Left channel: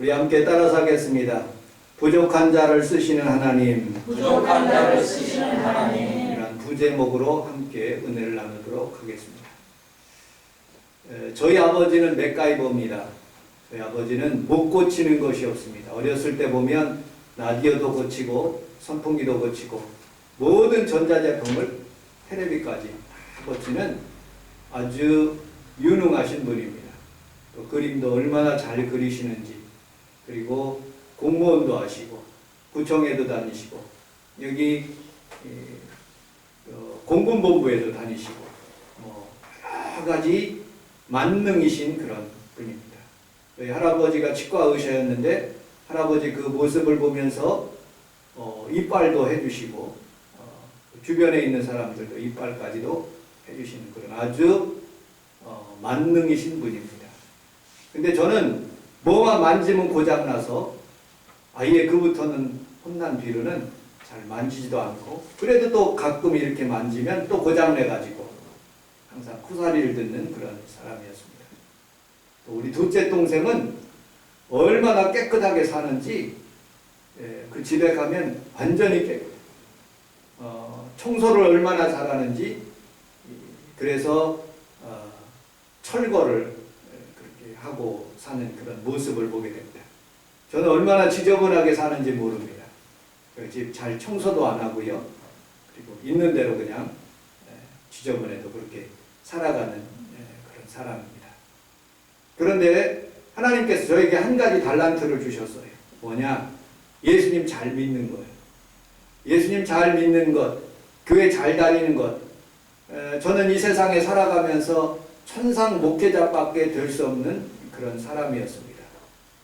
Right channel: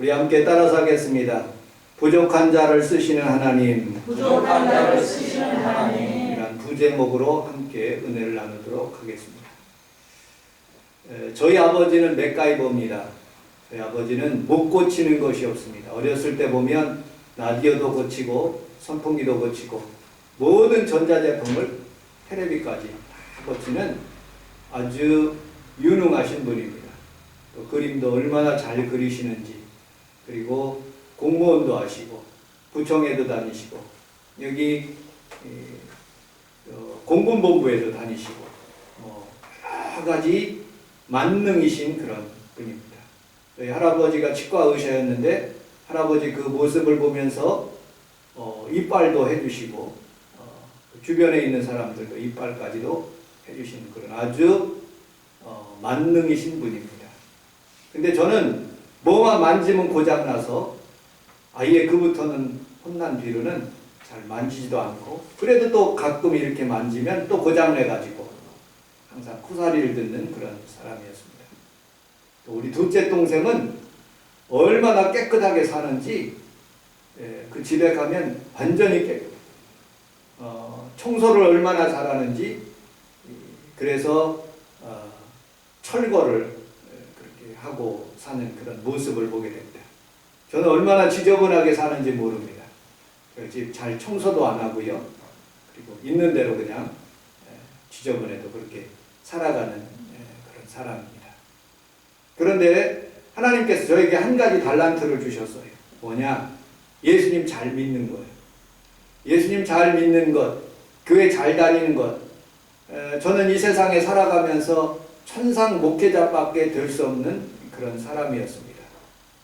우리 함께 따라서 하겠습니다. 부족한 자를 쓰시는 하나님, 부족한 자를 쓰시는 하나님. 이란 부제목으로 함께 은혜를 나누도록 하겠습니다. 저희 아버지는 맥가이버입니다. 저희 아버지는 못 고치는 것이 없습니다. 어렸을 때 보면 라디오도 고치고 선풍기도 고치고 모든 전자제품을 테레비까지 다 고치는 아주 유능하신 분입니다. 또 그림도 얼마나 잘 그리시는지, 그리고 공무원도 하시고 구청에도 다니시고 여기 공군본부에도 다니시고 여러 가지 만능이신 그런 분입니다. 저희 할아버지가 치과 의사였는데 할아버지 그 모습을 보면서 이빨도 해주시고 주변에 있는 사람들도 이빨까지도 해주시는 그런 아주 만능이신 분입니다. 근데 저는 뭐만 만지면 고장나서 아예 그부터는 혼난 뒤로는 잘 만지지도 않고, 그래도 또 가끔 이렇게 만지면 또 고장내가지고 항상 쿠사리를 듣는 그런 사람이었습니다. 또 우리 둘째 동생은 얼마나 깨끗하게 사는지 그 집에 가면 완전히 깨끗해요. 청소를 얼마나 잘하는지, 그래서 철거를 그렇게 하고 사는 그런 모습을 보게 됩니다. 저는 얼마나 지저분하게 사는지 모릅니다. 저희 집 잘 청소도 안 하고요. 그리고 있는 대로 그냥 지저분해도 그렇게 살아가는 그런 사람입니다. 그런데 하나님께서 저에게 한 가지 달란트를 주셨어요. 뭐냐? 예수님 잘 믿는 거예요. 예수님 잘 믿는 것, 교회 잘 다니는 것. 저는 이 세상에 살아가면서 천상 목회자밖에 될 수 없는 그런 사람이었습니다.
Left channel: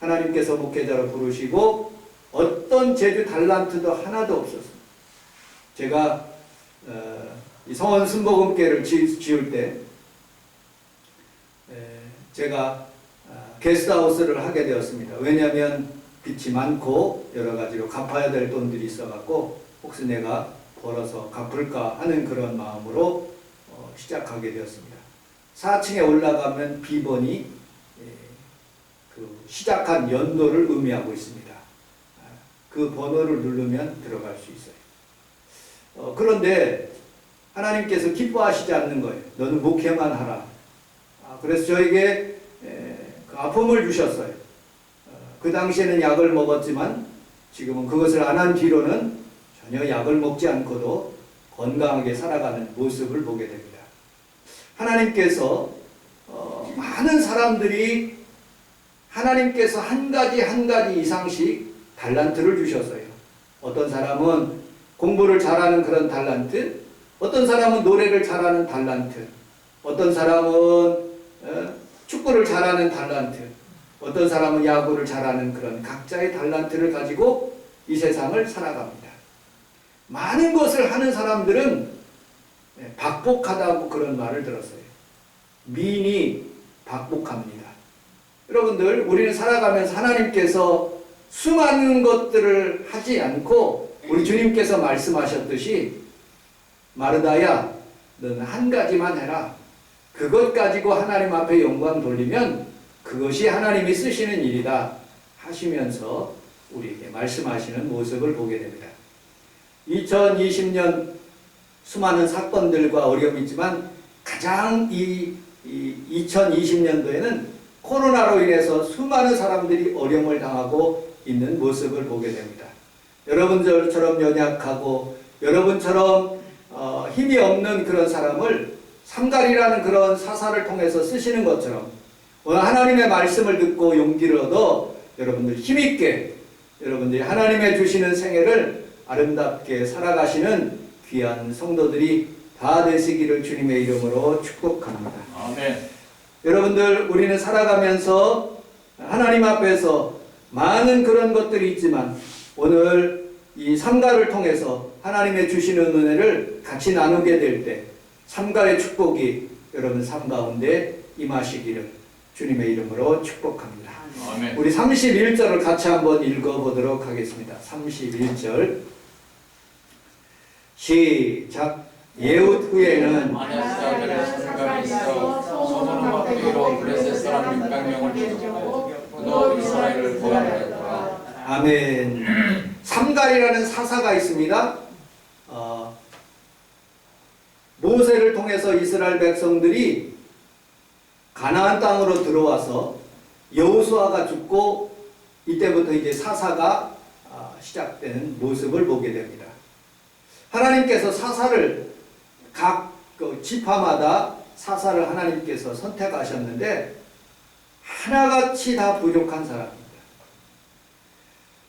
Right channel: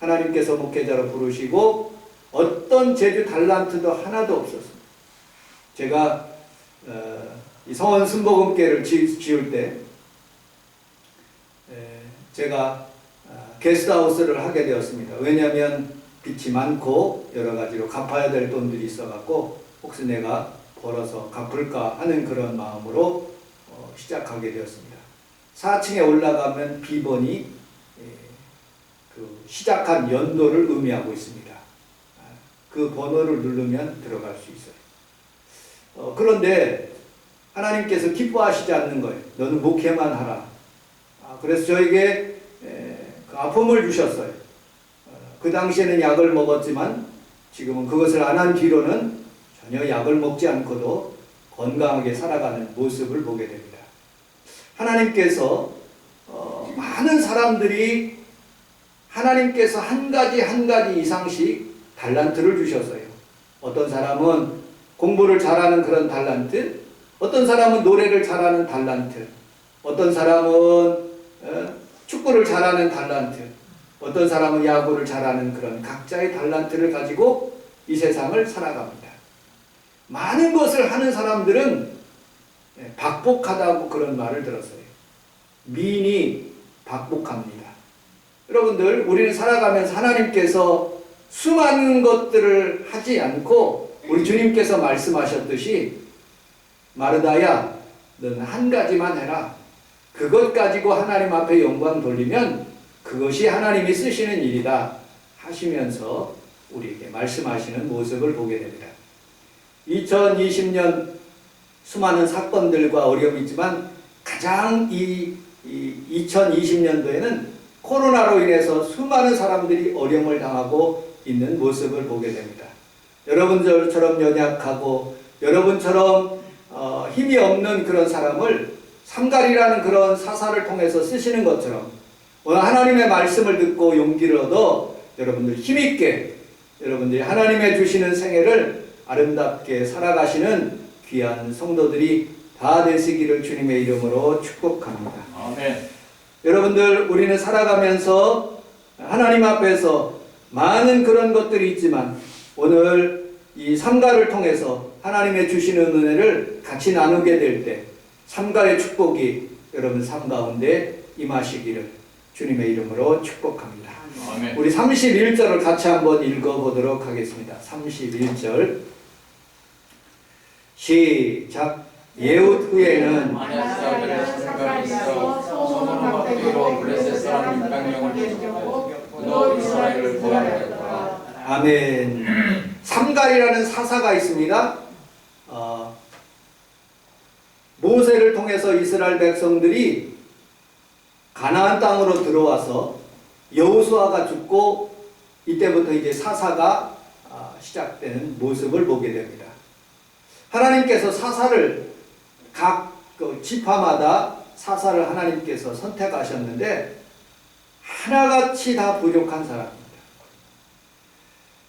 하나님께서 목회자로 부르시고 어떤 재주 달란트도 하나도 없었습니다. 제가 이 성원 순복음교회를 지을 때 제가 게스트하우스를 하게 되었습니다. 왜냐하면 빚이 많고 여러 가지로 갚아야 될 돈들이 있어갖고 혹시 내가 벌어서 갚을까 하는 그런 마음으로 시작하게 되었습니다. 4층에 올라가면 비번이 그 시작한 연도를 의미하고 있습니다. 그 번호를 누르면 들어갈 수 있어요. 그런데 하나님께서 기뻐하시지 않는 거예요. 너는 목회만 하라. 그래서 저에게 그 아픔을 주셨어요. 그 당시에는 약을 먹었지만 지금은 그것을 안 한 뒤로는 전혀 약을 먹지 않고도 건강하게 살아가는 모습을 보게 됩니다. 하나님께서 많은 사람들이 하나님께서 한 가지 이상씩 달란트를 주셨어요. 어떤 사람은 공부를 잘하는 그런 달란트, 어떤 사람은 노래를 잘하는 달란트, 어떤 사람은 축구를 잘하는 달란트, 어떤 사람은 야구를 잘하는 그런 각자의 달란트를 가지고 이 세상을 살아갑니다. 많은 것을 하는 사람들은 박복하다고 그런 말을 들었어요. 미인이 박복합니다. 여러분들, 우리는 살아가면서 하나님께서 수많은 것들을 하지 않고 우리 주님께서 말씀하셨듯이 마르다야, 너는 한 가지만 해라. 그것 가지고 하나님 앞에 영광 돌리면 그것이 하나님이 쓰시는 일이다 하시면서 우리에게 말씀하시는 모습을 보게 됩니다. 2020년 수많은 사건들과 어려움이 있지만 가장 이 2020년도에는 코로나로 인해서 수많은 사람들이 어려움을 당하고 있는 모습을 보게 됩니다. 여러분들처럼 연약하고 여러분처럼 힘이 없는 그런 사람을 삼갈이라는 그런 사사를 통해서 쓰시는 것처럼 오늘 하나님의 말씀을 듣고 용기를 얻어 여러분들 힘있게 여러분들이 하나님의 주시는 생애를 아름답게 살아가시는 귀한 성도들이 다 되시기를 주님의 이름으로 축복합니다. 아멘. 여러분들, 우리는 살아가면서 하나님 앞에서 많은 그런 것들이 있지만 오늘 이 삼가를 통해서 하나님의 주시는 은혜를 같이 나누게 될 때 삼가의 축복이 여러분 삶 가운데 임하시기를 주님의 이름으로 축복합니다. 아멘. 우리 31절을 같이 한번 읽어보도록 하겠습니다. 31절 시작. 예후 후에는 마냐스자들의 생각이 있어 소돔과 흑기로 블레셋 사람 600명을 죽였고 너 이스라엘을 구하라. 아멘. 삼갈이라는 사사가 있습니다. 모세를 통해서 이스라엘 백성들이 가나안 땅으로 들어와서 여호수아가 죽고 이때부터 이제 사사가 시작되는 모습을 보게 됩니다. 하나님께서 사사를 각 지파마다 사사를 하나님께서 선택하셨는데 하나같이 다 부족한 사람입니다.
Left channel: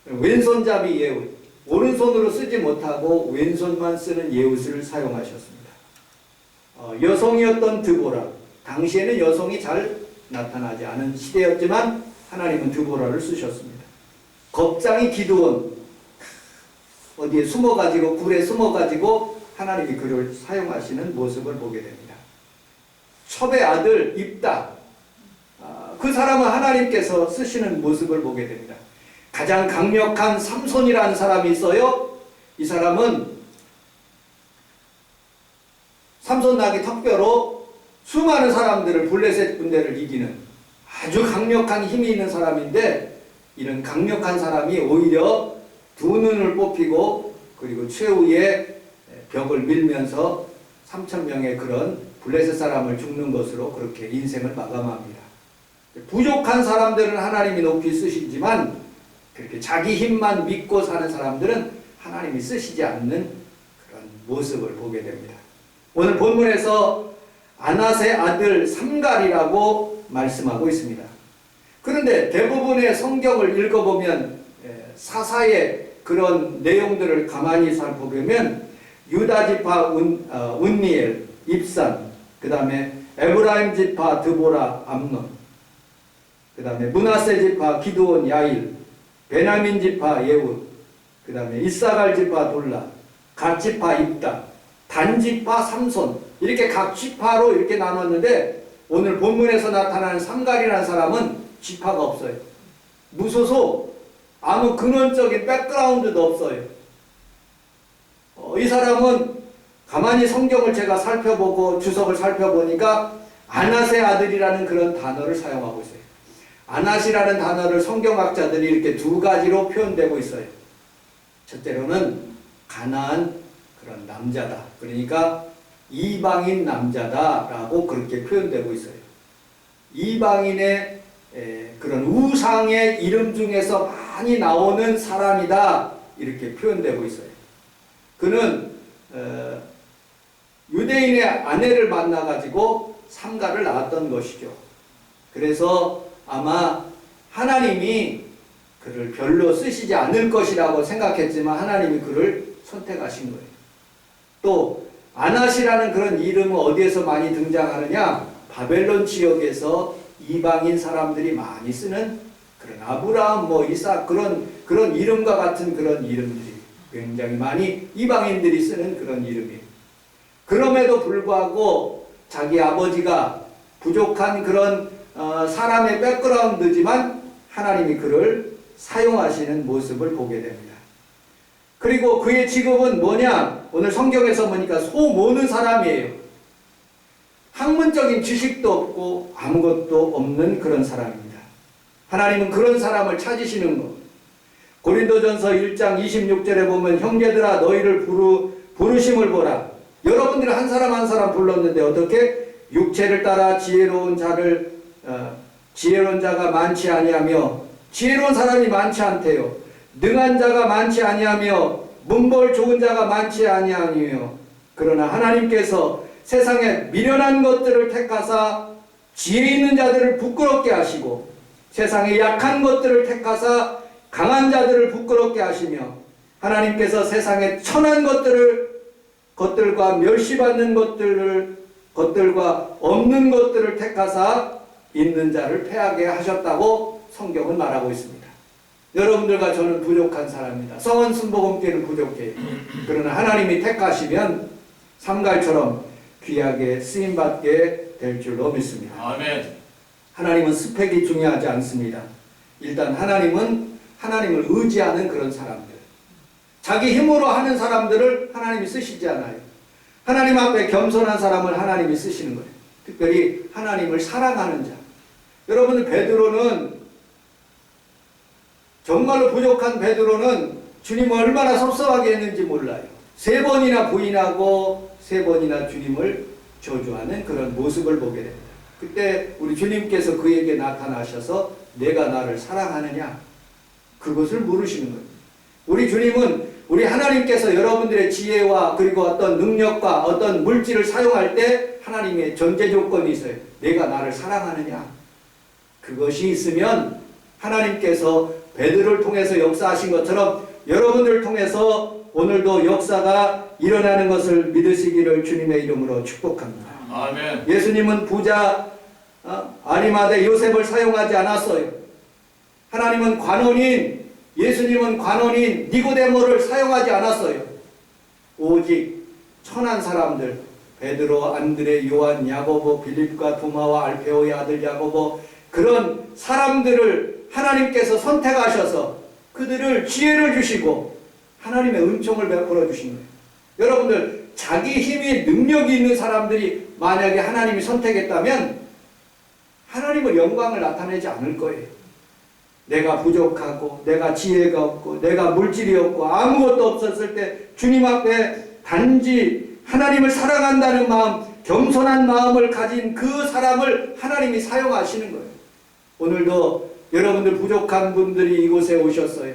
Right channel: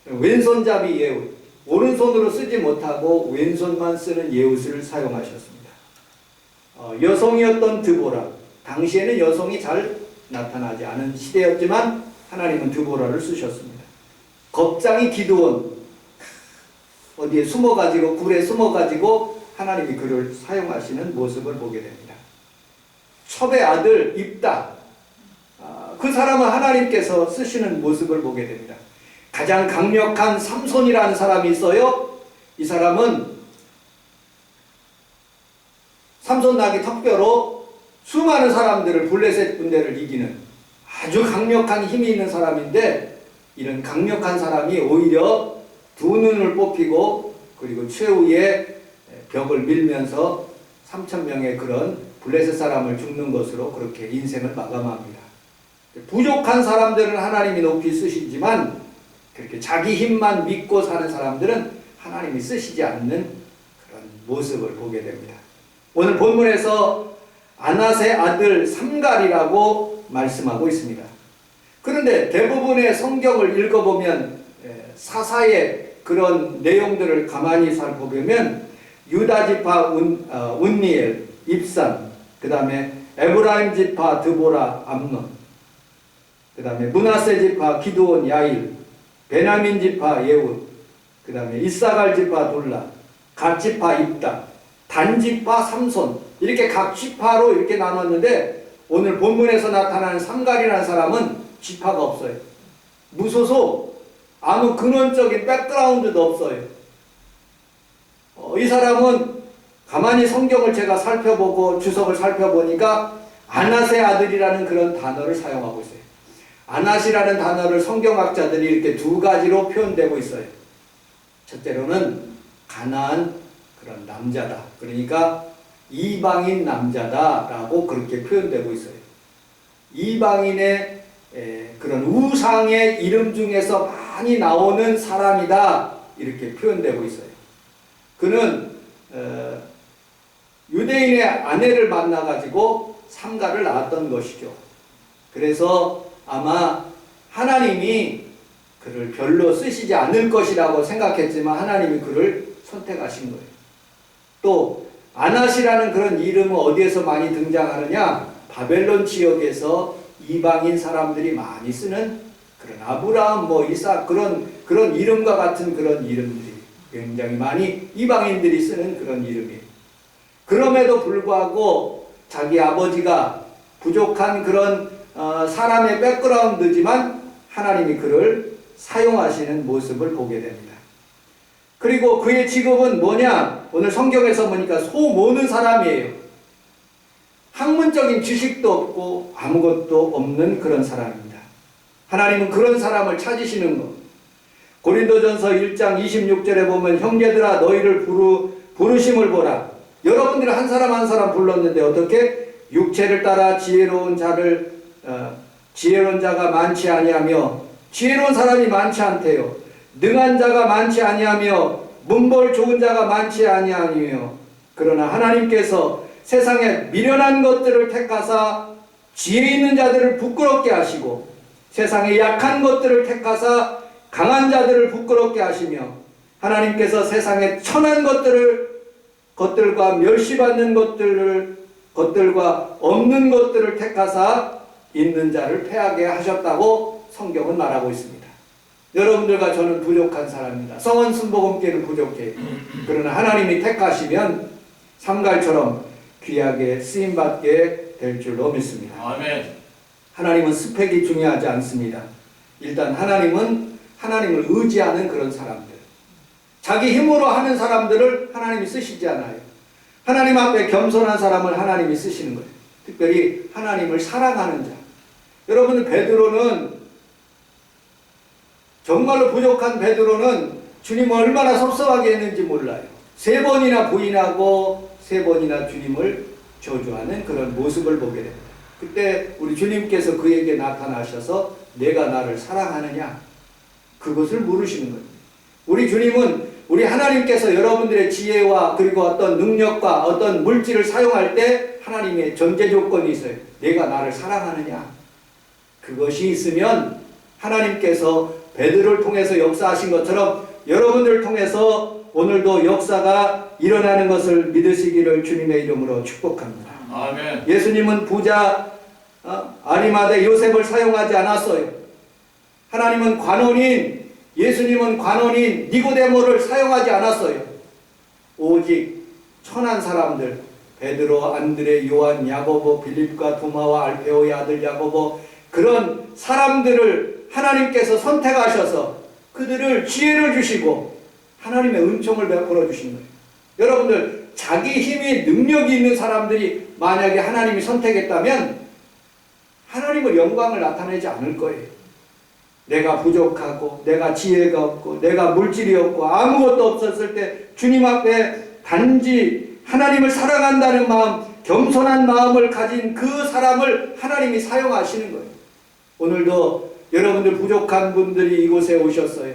왼손잡이 예후, 오른손으로 쓰지 못하고 왼손만 쓰는 예후스를 사용하셨습니다. 여성이었던 드보라, 당시에는 여성이 잘 나타나지 않은 시대였지만 하나님은 드보라를 쓰셨습니다. 겁장이 기드온, 어디에 숨어가지고 굴에 숨어가지고 하나님이 그를 사용하시는 모습을 보게 됩니다. 첩의 아들 입다, 그 사람은 하나님께서 쓰시는 모습을 보게 됩니다. 가장 강력한 삼손이라는 사람이 있어요. 이 사람은 삼손 나귀 턱뼈로 수많은 사람들을 블레셋 군대를 이기는 아주 강력한 힘이 있는 사람인데, 이런 강력한 사람이 오히려 두 눈을 뽑히고 그리고 최후의 벽을 밀면서 3,000명의 그런 블레셋 사람을 죽는 것으로 그렇게 인생을 마감합니다. 부족한 사람들은 하나님이 높이 쓰시지만 그렇게 자기 힘만 믿고 사는 사람들은 하나님이 쓰시지 않는 그런 모습을 보게 됩니다. 오늘 본문에서 아낫의 아들 삼갈이라고 말씀하고 있습니다. 그런데 대부분의 성경을 읽어보면 사사의 그런 내용들을 가만히 살펴보면 유다 지파 운니엘, 입산, 그 다음에 에브라임 지파 드보라, 암논, 그 다음에 므낫세 지파 기드온, 야일, 베냐민 지파 예후, 그 다음에 이사갈 지파 돌라, 갓 지파 입다, 단 지파 삼손, 이렇게 각 지파로 이렇게 나눴는데 오늘 본문에서 나타나는 삼갈이라는 사람은 지파가 없어요. 무소속, 아무 근원적인 백그라운드도 없어요. 이 사람은 가만히 성경을 제가 살펴보고 주석을 살펴보니까 아낫의 아들이라는 그런 단어를 사용하고 있어요. 아낫이라는 단어를 성경학자들이 이렇게 두 가지로 표현되고 있어요. 첫째로는 가나안 그런 남자다. 그러니까 이방인 남자다라고 그렇게 표현되고 있어요. 이방인의 그런 우상의 이름 중에서 많이 나오는 사람이다. 이렇게 표현되고 있어요. 그는 유대인의 아내를 만나가지고 삼가를 낳았던 것이죠. 그래서 아마 하나님이 그를 별로 쓰시지 않을 것이라고 생각했지만 하나님이 그를 선택하신 거예요. 또 아낫이라는 그런 이름은 어디에서 많이 등장하느냐? 바벨론 지역에서 이방인 사람들이 많이 쓰는 그런 아브라함, 이삭 그런 이름과 같은 그런 이름들이 굉장히 많이 이방인들이 쓰는 그런 이름이에요. 그럼에도 불구하고 자기 아버지가 부족한 그런 사람의 백그라운드지만 하나님이 그를 사용하시는 모습을 보게 됩니다. 그리고 그의 직업은 뭐냐? 오늘 성경에서 보니까 소 모는 사람이에요. 학문적인 지식도 없고 아무것도 없는 그런 사람입니다. 하나님은 그런 사람을 찾으시는 것. 고린도전서 1장 26절에 보면 형제들아 너희를 부르심을 보라. 여러분들은 한 사람 한 사람 불렀는데 어떻게? 육체를 따라 지혜로운 자가 많지 아니하며 지혜로운 사람이 많지 않대요. 능한 자가 많지 아니하며 문벌 좋은 자가 많지 아니하며 그러나 하나님께서 세상에 미련한 것들을 택하사 지혜 있는 자들을 부끄럽게 하시고 세상에 약한 것들을 택하사 강한 자들을 부끄럽게 하시며 하나님께서 세상에 천한 것들과 멸시받는 것들과 없는 것들을 택하사 있는 자를 패하게 하셨다고 성경은 말하고 있습니다. 여러분들과 저는 부족한 사람입니다. 성원 순복음교회는 부족해요. 그러나 하나님이 택하시면 삼갈처럼 귀하게 쓰임받게 될 줄로 믿습니다. 아멘. 하나님은 스펙이 중요하지 않습니다. 일단 하나님은 하나님을 의지하는 그런 사람들, 자기 힘으로 하는 사람들을 하나님이 쓰시지 않아요. 하나님 앞에 겸손한 사람을 하나님이 쓰시는 거예요. 특별히 하나님을 사랑하는 자. 여러분, 베드로는 정말로 부족한 베드로는 주님을 얼마나 섭섭하게 했는지 몰라요. 3번이나 부인하고 3번이나 주님을 저주하는 그런 모습을 보게 됩니다. 그때 우리 주님께서 그에게 나타나셔서 내가 나를 사랑하느냐? 그것을 물으시는 거예요. 우리 주님은 우리 하나님께서 여러분들의 지혜와 그리고 어떤 능력과 어떤 물질을 사용할 때 하나님의 전제 조건이 있어요. 내가 나를 사랑하느냐? 그것이 있으면 하나님께서 베드로를 통해서 역사하신 것처럼 여러분들을 통해서 오늘도 역사가 일어나는 것을 믿으시기를 주님의 이름으로 축복합니다. 아멘. 예수님은 부자 아리마대 요셉을 사용하지 않았어요. 하나님은 관원인 예수님은 관원인 니고데모를 사용하지 않았어요. 오직 천한 사람들 베드로, 안드레, 요한, 야고보, 빌립과 도마와 알페오의 아들 야고보 그런 사람들을 하나님께서 선택하셔서 그들을 지혜를 주시고 하나님의 은총을 베풀어 주신 거예요. 여러분들 자기 힘이 능력이 있는 사람들이 만약에 하나님이 선택했다면 하나님의 영광을 나타내지 않을 거예요. 내가 부족하고 내가 지혜가 없고 내가 물질이 없고 아무것도 없었을 때 주님 앞에 단지 하나님을 사랑한다는 마음, 겸손한 마음을 가진 그 사람을 하나님이 사용하시는 거예요. 오늘도 여러분들 부족한 분들이 이곳에 오셨어요.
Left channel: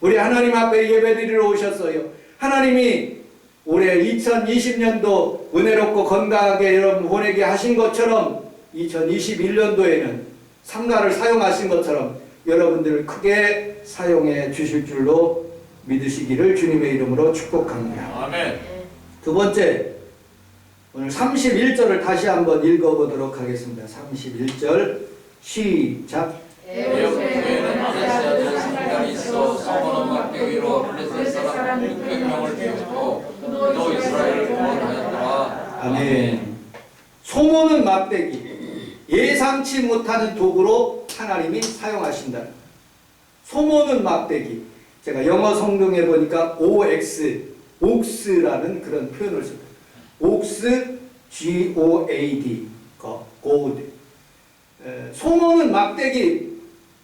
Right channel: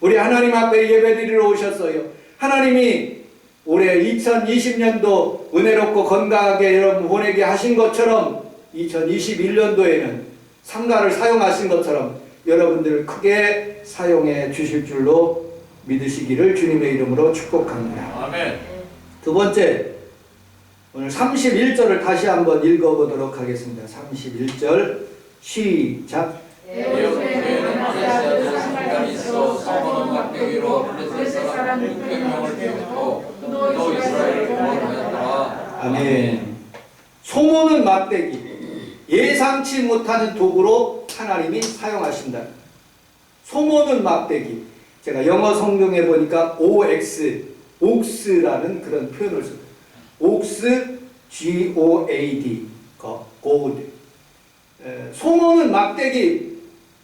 우리 하나님 앞에 예배드리러 오셨어요. 하나님이 올해 2020년도 은혜롭고 건강하게 여러분 보내게 하신 것처럼 2021년도에는 상가를 사용하신 것처럼 여러분들을 크게 사용해 주실 줄로 믿으시기를 주님의 이름으로 축복합니다. 아멘. 두 번째, 오늘 31절을 다시 한번 읽어보도록 하겠습니다. 31절 시작. 에오스에는 아레스아들 상관이 있어 사모는 막대기로 블레셋 사람 600명을 죽였고 또 이스라엘을 구원하였더라. 아멘. 소모는 막대기, 예상치 못하는 도구로 하나님이 사용하신다. 소모는 막대기. 제가 영어 성경에 보니까 옥스라는 그런 표현을 씁니다. 옥스, G-O-A-D, goad. 소모는 막대기.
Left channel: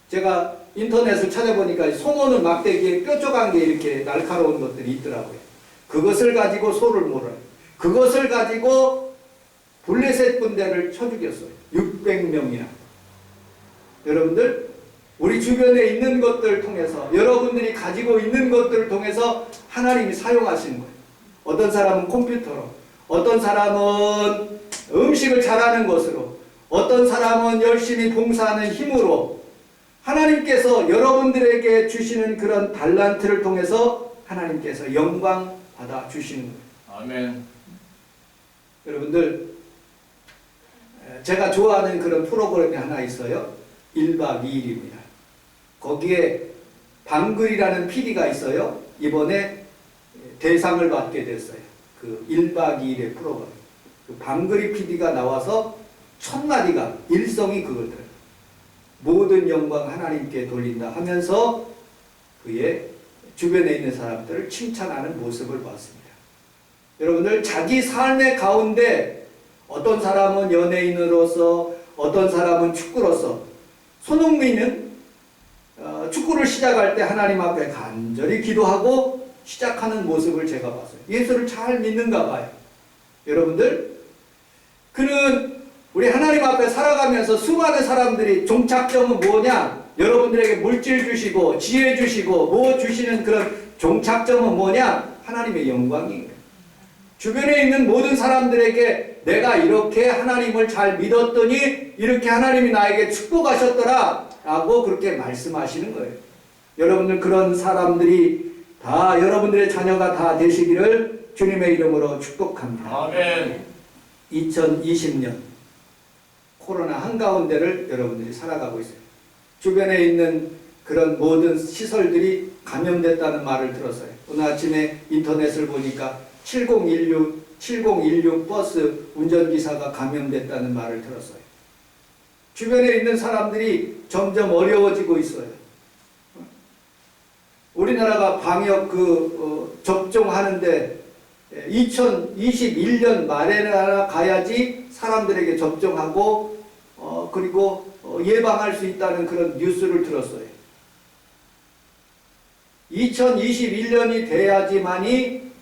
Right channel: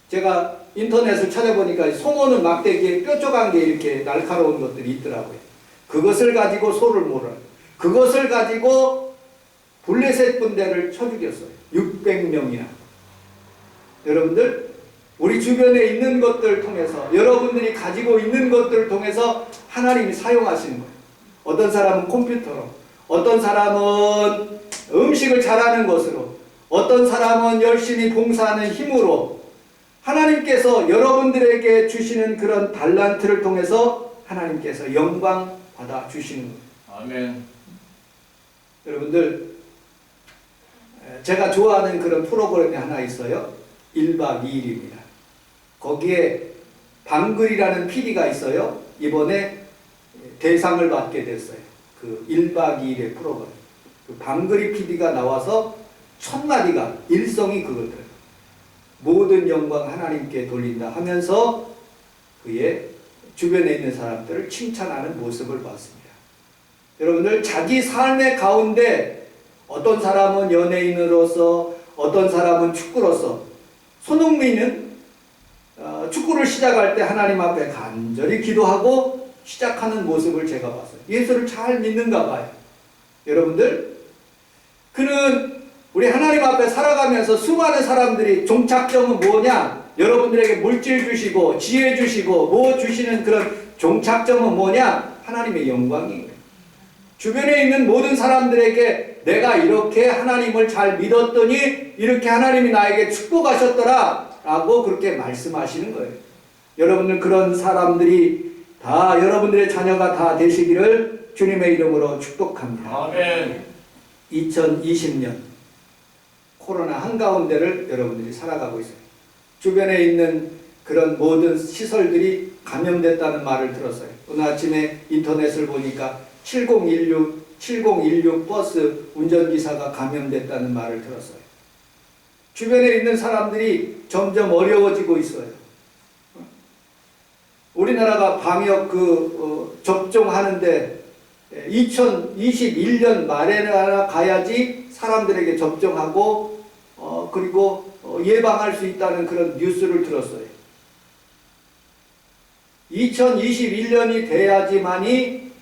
제가 인터넷을 찾아보니까 소모는 막대기에 뾰족한 게 이렇게 날카로운 것들이 있더라고요. 그것을 가지고 소를 몰아요. 그것을 가지고 블레셋 군대를 쳐 죽였어요. 600명이나. 여러분들 우리 주변에 있는 것들을 통해서 여러분들이 가지고 있는 것들을 통해서 하나님이 사용하시는 거예요. 어떤 사람은 컴퓨터로, 어떤 사람은 음식을 잘하는 것으로, 어떤 사람은 열심히 봉사하는 힘으로 하나님께서 여러분들에게 주시는 그런 달란트를 통해서 하나님께서 영광 받아 주시는 거예요. 아멘. 여러분들 제가 좋아하는 그런 프로그램이 하나 있어요. 1박 2일입니다. 거기에 방글이라는 PD가 있어요. 이번에 대상을 받게 됐어요. 그 1박 2일의 프로그램. 그 방글이 PD가 나와서 첫 마디가 일성이 그거더라고요. 모든 영광 하나님께 돌린다 하면서 그의 주변에 있는 사람들을 칭찬하는 모습을 봤습니다. 여러분들 자기 삶의 가운데 어떤 사람은 연예인으로서 어떤 사람은 축구로서 손흥민은 축구를 시작할 때 하나님 앞에 간절히 기도하고 시작하는 모습을 제가 봤어요. 예수를 잘 믿는가 봐요. 여러분들 그는 우리 하나님 앞에 살아가면서 수많은 사람들이 종착점은 뭐냐? 여러분들에게 물질 주시고 지혜 주시고 뭐 주시는 그런 종착점은 뭐냐? 하나님의 영광이에요. 주변에 있는 모든 사람들에게 내가 이렇게 하나님을 잘 믿었더니 이렇게 하나님이 나에게 축복하셨더라 라고 그렇게 말씀하시는 거예요. 여러분들 그런 사람들이 다 여러분들의 자녀가 다 되시기를 주님의 이름으로 축복합니다. 아멘. 2020년 코로나 한가운데를 여러분들이 살아가고 있어요. 주변에 있는 그런 모든 시설들이 감염됐다는 말을 들었어요. 오늘 아침에 인터넷을 보니까 7016 버스 운전기사가 감염됐다는 말을 들었어요. 주변에 있는 사람들이 점점 어려워지고 있어요. 우리나라가 방역 접종하는데 2021년 말에나 가야지 사람들에게 접종하고 그리고 예방할 수 있다는 그런 뉴스를 들었어요. 2021년이 돼야지만이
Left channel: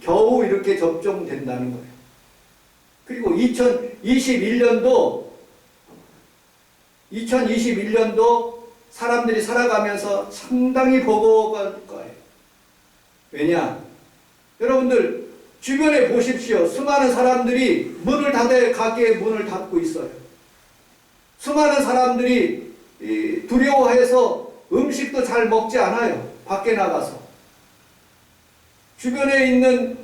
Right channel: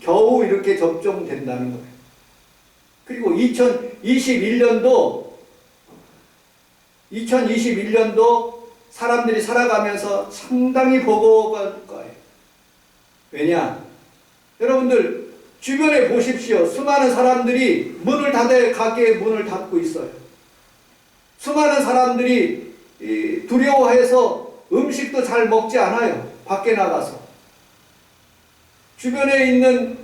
겨우 이렇게 접종된다는 거예요. 그리고 2021년도 사람들이 살아가면서 상당히 버거워할 거예요. 왜냐? 여러분들 주변에 보십시오. 수많은 사람들이 문을 닫아 가게에 문을 닫고 있어요. 수많은 사람들이 두려워해서 음식도 잘 먹지 않아요. 밖에 나가서. 주변에 있는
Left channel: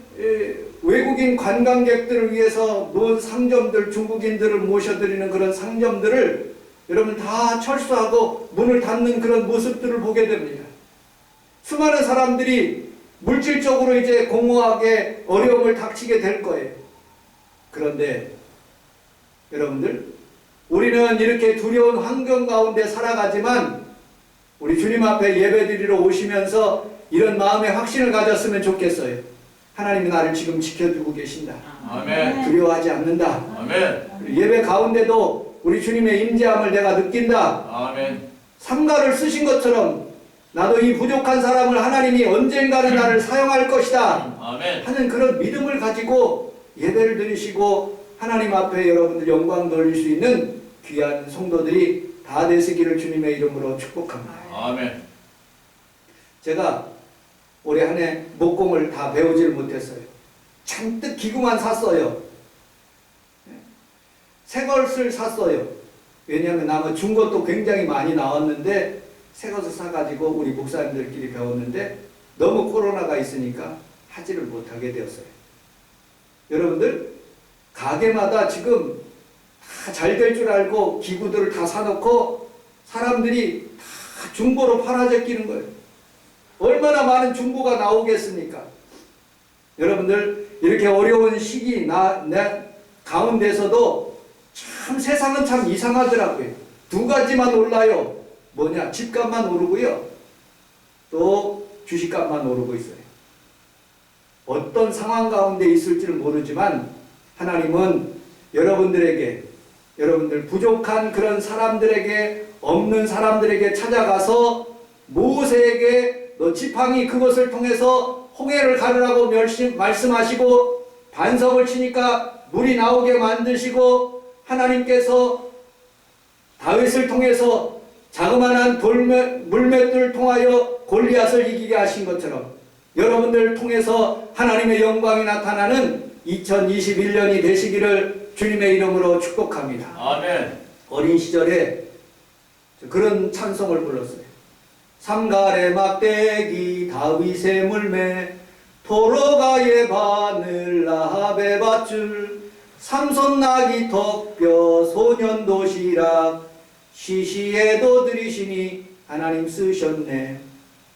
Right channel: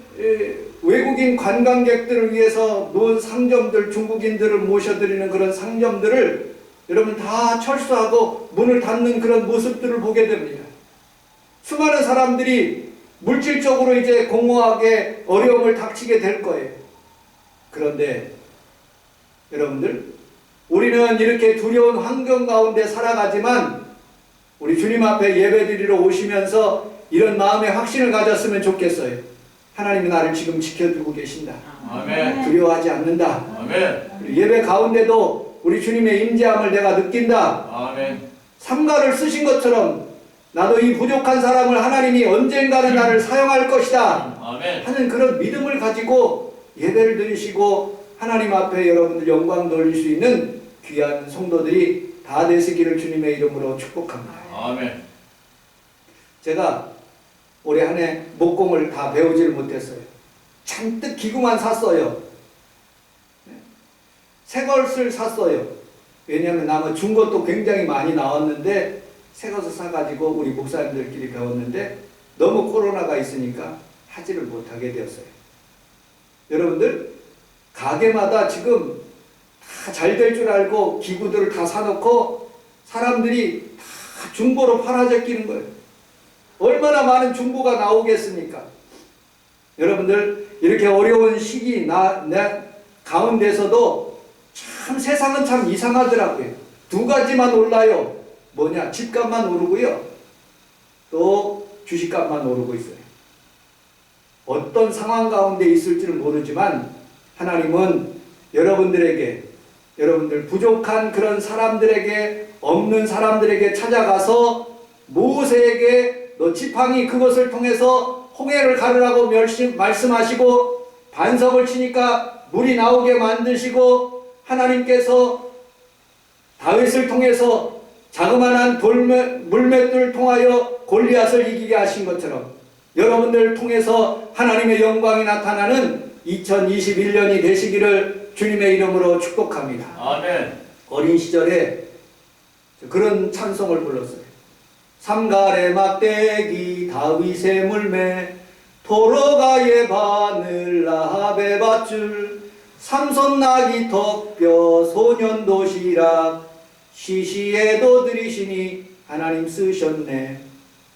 외국인 관광객들을 위해서 놓은 상점들, 중국인들을 모셔드리는 그런 상점들을 여러분 다 철수하고 문을 닫는 그런 모습들을 보게 됩니다. 수많은 사람들이 물질적으로 이제 공허하게 어려움을 닥치게 될 거예요. 그런데 여러분들, 우리는 이렇게 두려운 환경 가운데 살아가지만 우리 주님 앞에 예배드리러 오시면서 이런 마음의 확신을 가졌으면 좋겠어요. 하나님이 나를 지금 지켜주고 계신다. 아멘. 두려워하지 않는다. 아멘. 예배 가운데도 우리 주님의 임재함을 내가 느낀다. 아멘. 삼가를 쓰신 것처럼 나도 이 부족한 사람을 하나님이 언젠가는 나를 사용할 것이다 아멘. 하는 그런 믿음을 가지고 예배를 드리시고 하나님 앞에 여러분들 영광 돌릴 수 있는 귀한 성도들이 다 되시기를 주님의 이름으로 축복합니다. 아멘. 제가 올해 한 해 목공을 다 배우지를 못했어요. 잔뜩 기구만 샀어요. 새 것을 샀어요. 왜냐하면 나무 준 것도 굉장히 많이 나왔는데 새 것을 사가지고 우리 목사님들끼리 배웠는데 너무 코로나가 있으니까 하지를 못하게 되었어요. 여러분들 가게마다 지금 다 잘 될 줄 알고 기구들을 다 사놓고 사람들이 다 중고로 팔아제끼는 거예요. 얼마나 많은 중고가 나오겠습니까? 여러분들 이렇게 어려운 시기 내 가운데서도 참 세상은 참 이상하더라고요. 두 가지만 올라요. 뭐냐? 집값만 오르고요. 또 주식값만 오르고 있어요. 어떤 상황 가운데 있을지는 모르지만 하나님은 여러분들 부족한 그런 사람들에게, 없는 사람들에게 찾아가서 모세에게 너 지팡이 그것을 통해서 홍해를 가르라고 말씀하시고 반석을 치니까 물이 나오게 만드시고 하나님께서 다윗을 통해서 자그마한 물맷돌을 통하여 골리앗을 이기게 하신 것처럼 여러분들을 통해서 하나님의 영광이 나타나는 2021년이 되시기를 주님의 이름으로 축복합니다. 아멘. 어린 시절에 그런 찬송을 불렀어요. 삼갈의 막대기 다윗의 물매 도로가의 바늘 라합의 밧줄 삼손 나귀 턱뼈 소년 도시락 시시에도 들이시니 하나님 쓰셨네.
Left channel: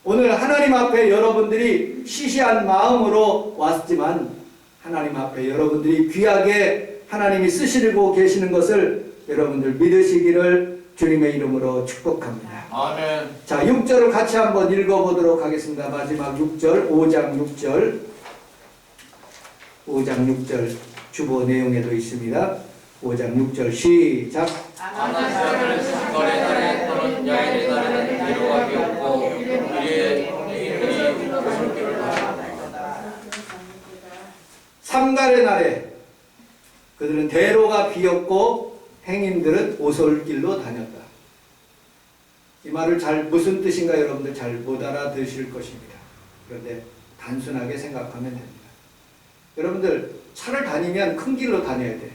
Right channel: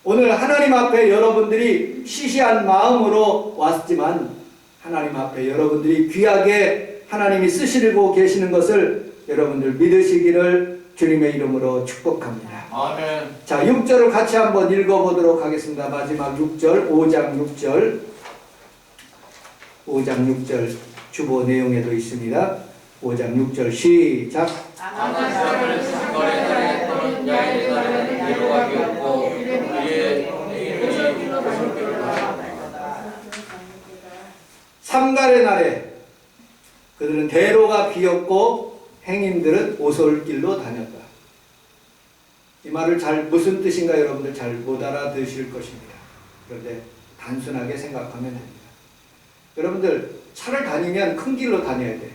오늘 하나님 앞에 여러분들이 시시한 마음으로 왔지만 하나님 앞에 여러분들이 귀하게 하나님이 쓰시고 계시는 것을 여러분들 믿으시기를 주님의 이름으로 축복합니다. 아멘. 자, 6절을 같이 한번 읽어보도록 하겠습니다. 마지막 6절, 5장 6절 5장 6절 주보 내용에도 있습니다. 5장 6절 시작. 아나사를 삼거래 날에 또는 야일의 날에는 위로하기 없고 그의 이름이 오솔길을 하나이다. 삼갈의 날에 그들은 대로가 비었고 행인들은 오솔길로 다녔다. 이 말을 무슨 뜻인가 여러분들 잘 못 알아들으실 것입니다. 그런데 단순하게 생각하면 됩니다. 여러분들 차를 다니면 큰 길로 다녀야 돼.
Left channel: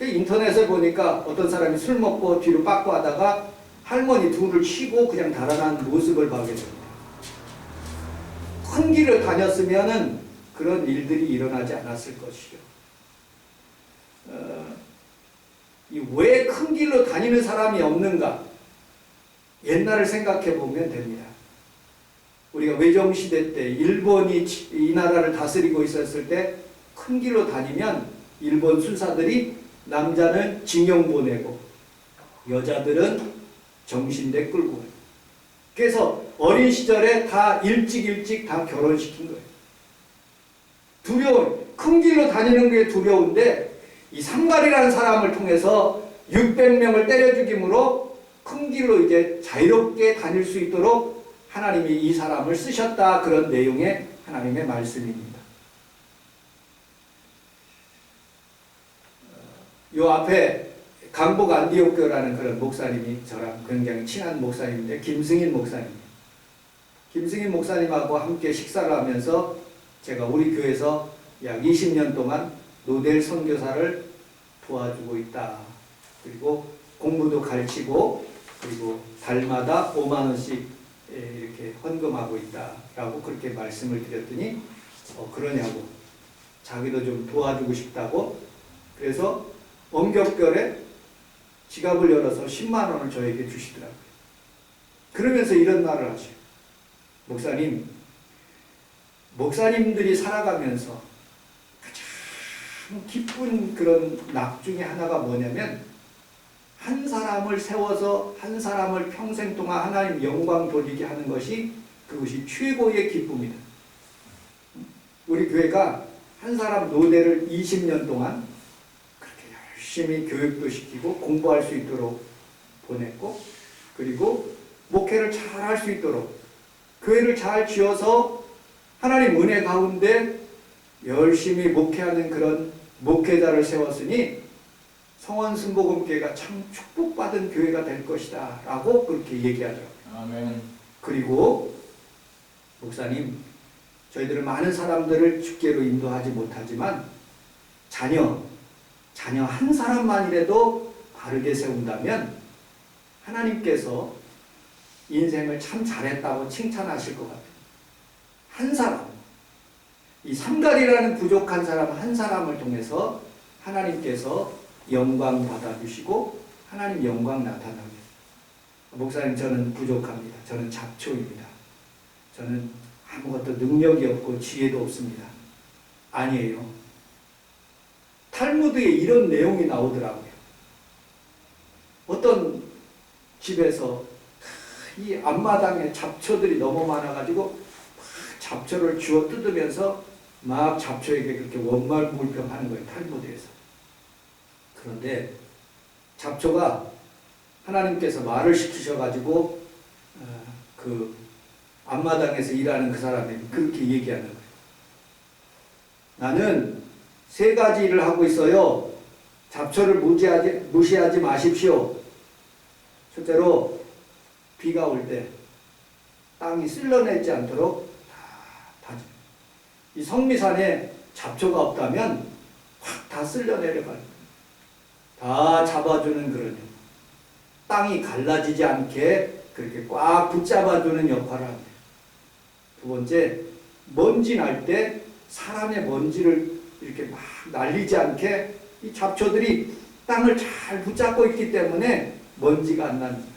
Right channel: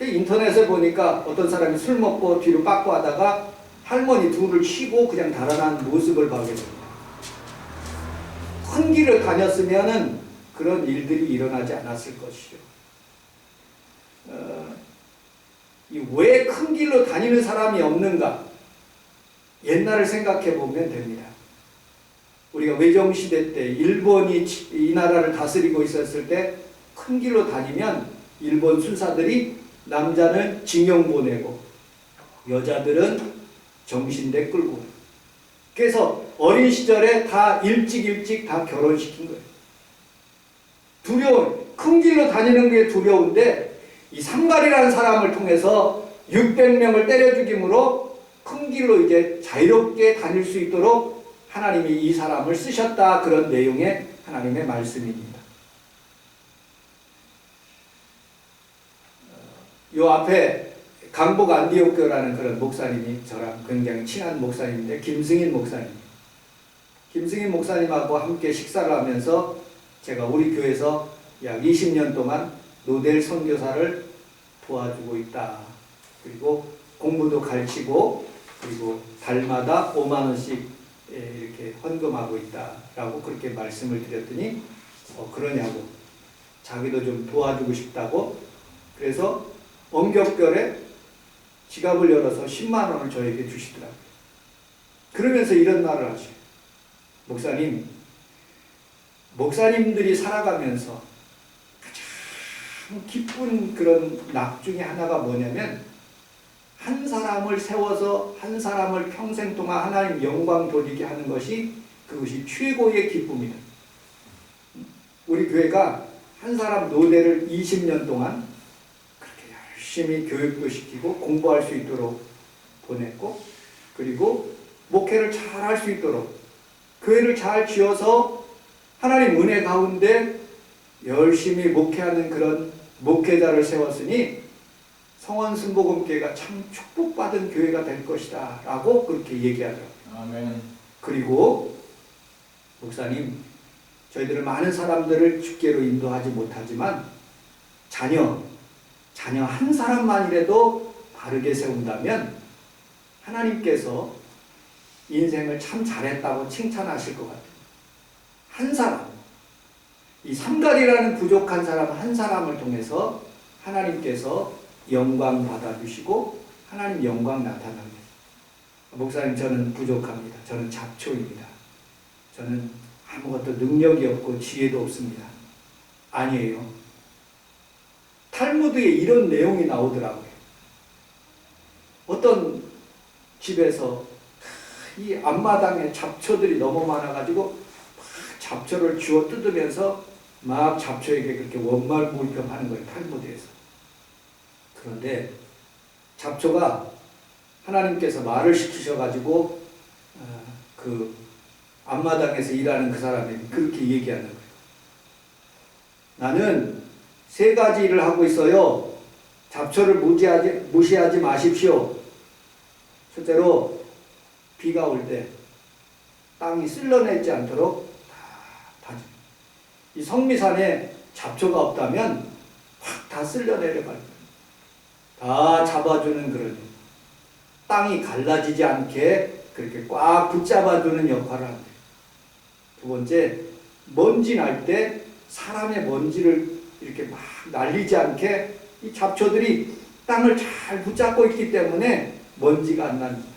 인터넷에 보니까 어떤 사람이 술 먹고 뒤로 빠꾸 하다가 할머니 둘을 치고 그냥 달아난 모습을 보게 됩니다. 큰 길을 다녔으면은 그런 일들이 일어나지 않았을 것이죠. 왜 큰 길로 다니는 사람이 없는가? 옛날을 생각해 보면 됩니다. 우리가 외정시대 때 일본이 이 나라를 다스리고 있었을 때 큰 길로 다니면 일본 순사들이 남자는 징용 보내고 여자들은 정신대 끌고 가요. 그래서 어린 시절에 다 일찍 다 결혼시킨 거예요. 두려운, 큰 길로 다니는 게 두려운데 이 삼갈이라는 사람을 통해서 600명을 때려 죽임으로 큰 길로 이제 자유롭게 다닐 수 있도록 하나님이 이 사람을 쓰셨다, 그런 내용의 하나님의 말씀입니다. 요 앞에 강복 안디옥교라는 그런 목사님이 저랑 굉장히 친한 목사님인데, 김승인 목사님. 김승인 목사님하고 함께 식사를 하면서 제가 우리 교회에서 약 20년 동안 노델 선교사를 도와주고 있다. 그리고 공부도 가르치고, 그리고 달마다 5만 원씩 이렇게 헌금하고 있다라고 그렇게 말씀을 드렸더니 그러냐고, 자기도 좀 도와주고 싶다고. 그래서 엄격결에 지갑을 열어서 10만 원을 저에게 주시더라고요. 그러면서 이런 말을 하셔요. 목사님, 목사님들이 살아가면서 가장 기쁜 그런 낙 중에 하나가 뭐냐면, 한 사람을 세워서 한 사람을 평생 동안 하나님 영광 돌리게 하는 것이, 그것이 최고의 기쁨이다. 우리 교회가 한 사람 노대를 20년 동안 그렇게 열심히 교육도 시키고 공부할 수 있도록 보냈고, 그리고 목회를 잘 할 수 있도록 교회를 잘 지어서 하나님 은혜 가운데 열심히 목회하는 그런 목회자를 세웠으니 성원순복음교회가 참 축복받은 교회가 될 것이다 라고 그렇게 얘기하더라고요. 아멘. 그리고 목사님, 저희들은 많은 사람들을 주께로 인도하지 못하지만 자녀 한 사람만이라도 바르게 세운다면 하나님께서 인생을 참 잘했다고 칭찬하실 것 같아요. 한 사람, 이 삼갈이라는 부족한 사람 한 사람을 통해서 하나님께서 영광 받아주시고 하나님 영광 나타나게. 목사님, 저는 부족합니다. 저는 잡초입니다. 저는 아무것도 능력이 없고 지혜도 없습니다. 아니에요. 탈무드에 이런 내용이 나오더라고요. 어떤 집에서 이 앞마당에 잡초들이 너무 많아가지고 막 잡초를 주워 뜯으면서 막 잡초에게 그렇게 원말불평하는 거예요. 탈무드에서. 그런데 잡초가 하나님께서 말을 시키셔가지고 그 앞마당에서 일하는 그 사람이 그렇게 얘기하는 거예요. 나는 3가지 일을 하고 있어요. 잡초를 무시하지 마십시오. 첫째로 비가 올 때 땅이 쓸려내지 않도록 다 다져. 이 성미산에 잡초가 없다면 확 다 쓸려내려가요. 다 잡아주는 그런 일. 땅이 갈라지지 않게 그렇게 꽉 붙잡아주는 역할을 합니다. 두 번째, 먼지 날 때 사람의 먼지를 이렇게 막 날리지 않게 이 잡초들이 땅을 잘 붙잡고 있기 때문에 먼지가 안 납니다.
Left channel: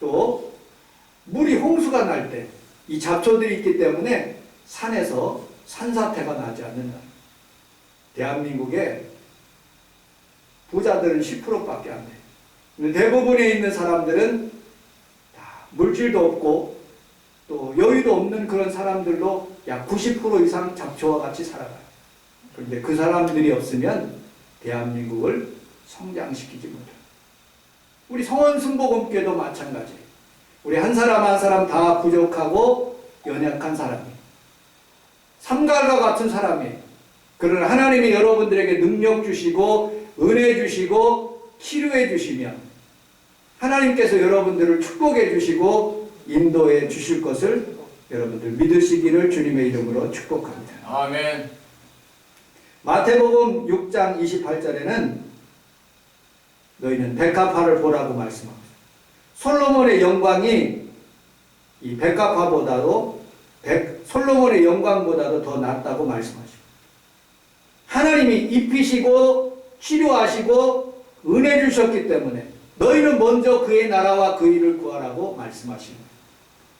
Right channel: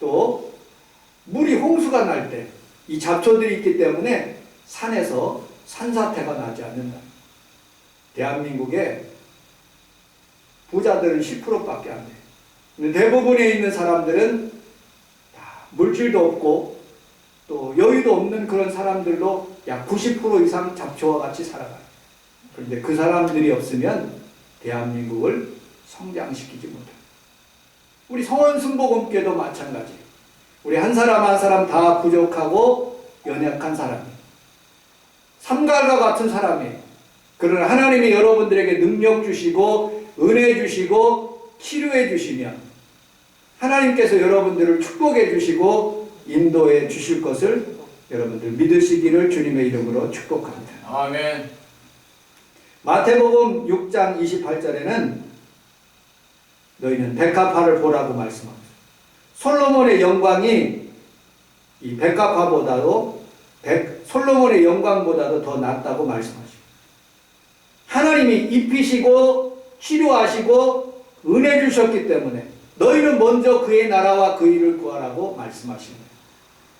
또 물이 홍수가 날 때 이 잡초들이 있기 때문에 산에서 산사태가 나지 않는다. 대한민국에 부자들은 10%밖에 안 돼. 근데 대부분에 있는 사람들은 다 물질도 없고 또 여유도 없는 그런 사람들도 약 90% 이상 잡초와 같이 살아가요. 그런데 그 사람들이 없으면 대한민국을 성장시키지 못해요. 우리 성원순복음교회도 마찬가지. 우리 한 사람 한 사람 다 부족하고 연약한 사람이, 삼갈과 같은 사람이, 그러나 하나님이 여러분들에게 능력 주시고 은혜 주시고 치료해 주시면 하나님께서 여러분들을 축복해 주시고 인도해 주실 것을 여러분들 믿으시기를 주님의 이름으로 축복합니다. 아멘. 마태복음 6장 28절에는 너희는 백합화를 보라고 말씀합니다. 솔로몬의 영광이 이 백합화보다도 솔로몬의 영광보다도 더 낫다고 말씀하십니다. 하나님이 입히시고 치료하시고 은혜 주셨기 때문에 너희는 먼저 그의 나라와 그 일을 구하라고 말씀하시는 거예요.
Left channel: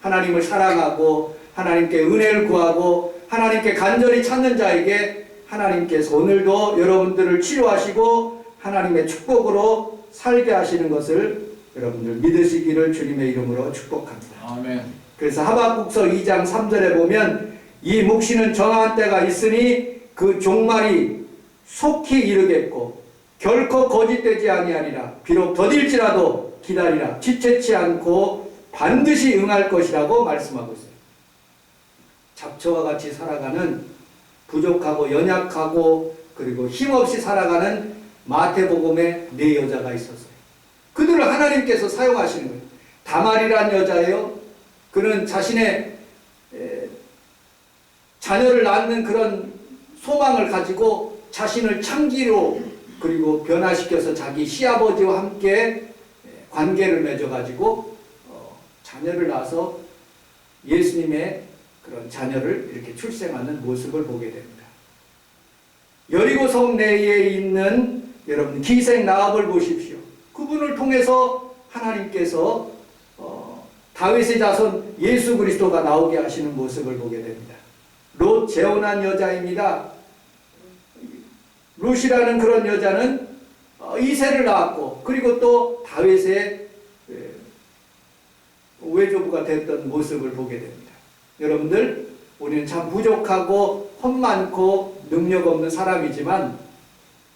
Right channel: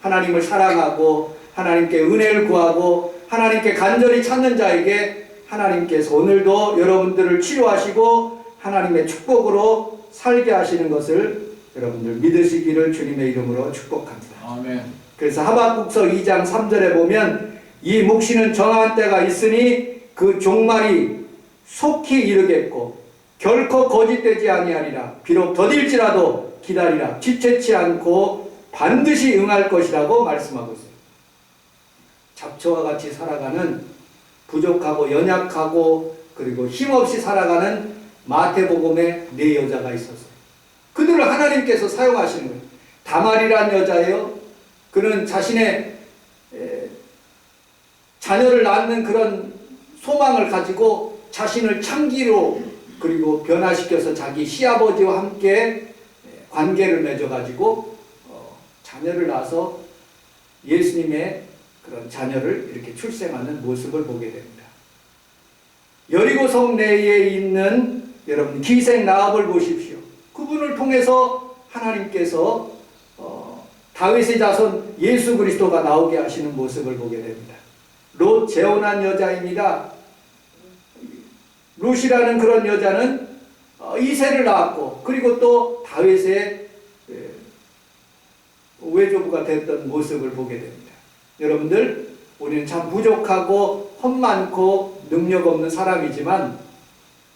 하나님을 사랑하고 하나님께 은혜를 구하고 하나님께 간절히 찾는 자에게 하나님께서 오늘도 여러분들을 치료하시고 하나님의 축복으로 살게 하시는 것을 여러분들 믿으시기를 주님의 이름으로 축복합니다. 아멘. 그래서 하박국서 2장 3절에 보면 이 묵시는 정한 때가 있으니 그 종말이 속히 이르겠고 결코 거짓되지 아니하리라. 비록 더딜지라도 기다리라. 지체치 않고 반드시 응할 것이라고 말씀하고 있어요. 잡초와 같이 살아가는 부족하고 연약하고 그리고 힘없이 살아가는 마태복음에 4여자가 있었어요. 그들을 하나님께서 사용하시는 거예요. 다말이란 여자예요. 그는 자신의 자녀를 낳는 그런 소망을 가지고 자신을 창기로 그리고 변화시켜서 자기 시아버지와 함께 관계를 맺어가지고 자녀를 낳아서 예수님의 그런 자녀를 이렇게 출생하는 모습을 보게 됩니다. 여리고 성 내에 있는 여러분 기생 라합을 보십시오. 그분을 통해서 하나님께서 다윗의 자손 예수 그리스도가 나오게 하시는 모습을 보게 됩니다. 롯 재혼한 여자입니다. 롯이라는 그런 여자는 이세를 낳았고 그리고 또 다윗의 외조부가 됐던 모습을 보게 됩니다. 여러분들 우리는 참 부족하고 험많고 능력 없는 사람이지만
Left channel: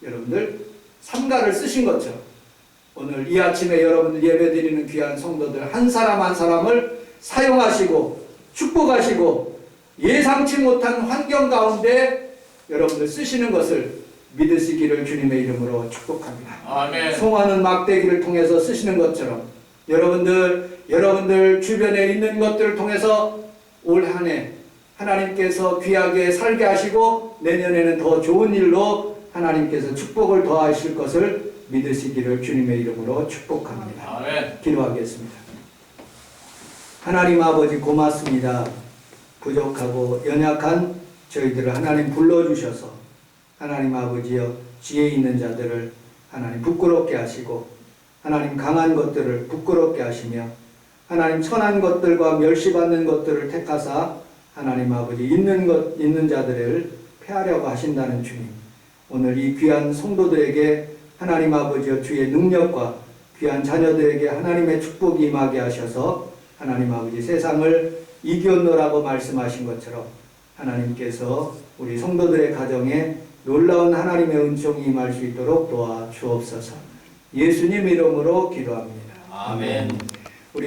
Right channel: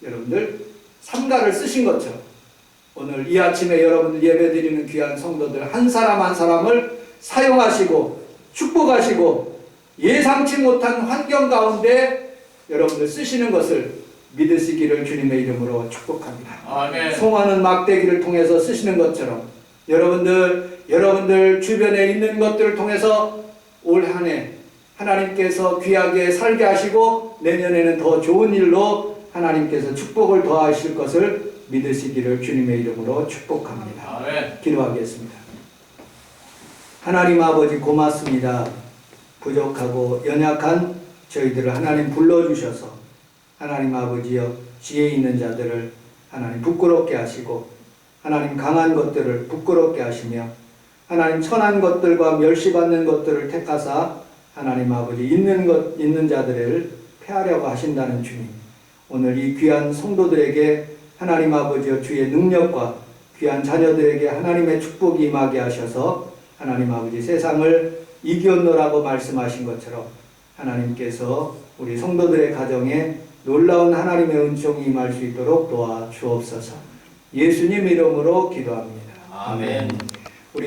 여러분들 삼가를 쓰신 것처럼 오늘 이 아침에 여러분들 예배드리는 귀한 성도들 한 사람 한 사람을 사용하시고 축복하시고 예상치 못한 환경 가운데 여러분들 쓰시는 것을 믿으시기를 주님의 이름으로 축복합니다. 아멘. 송하는 막대기를 통해서 쓰시는 것처럼 여러분들 주변에 있는 것들을 통해서 올 한 해 하나님께서 귀하게 살게 하시고 내년에는 더 좋은 일로 하나님께서 축복을 더하실 것을 믿으시기를 주님의 이름으로 축복합니다. 아멘. 기도하겠습니다. 하나님 아버지 고맙습니다. 부족하고 연약한 저희들을 하나님 불러주셔서 하나님 아버지여 지혜 있는 자들을 하나님 부끄럽게 하시고 하나님 강한 것들을 부끄럽게 하시며 하나님 천한 것들과 멸시받는 것들을 택하사 하나님 아버지 있는 자들을 폐하려고 하신다는 주님, 오늘 이 귀한 성도들에게 하나님 아버지여 주의 능력과 귀한 자녀들에게 하나님의 축복이 임하게 하셔서 하나님 아버지 세상을 이겼노라고 말씀하신 것처럼 하나님께서 우리 성도들의 가정에 놀라운 하나님의 은총이 임할 수 있도록 도와주옵소서. 예수님 이름으로 기도합니다. 아멘.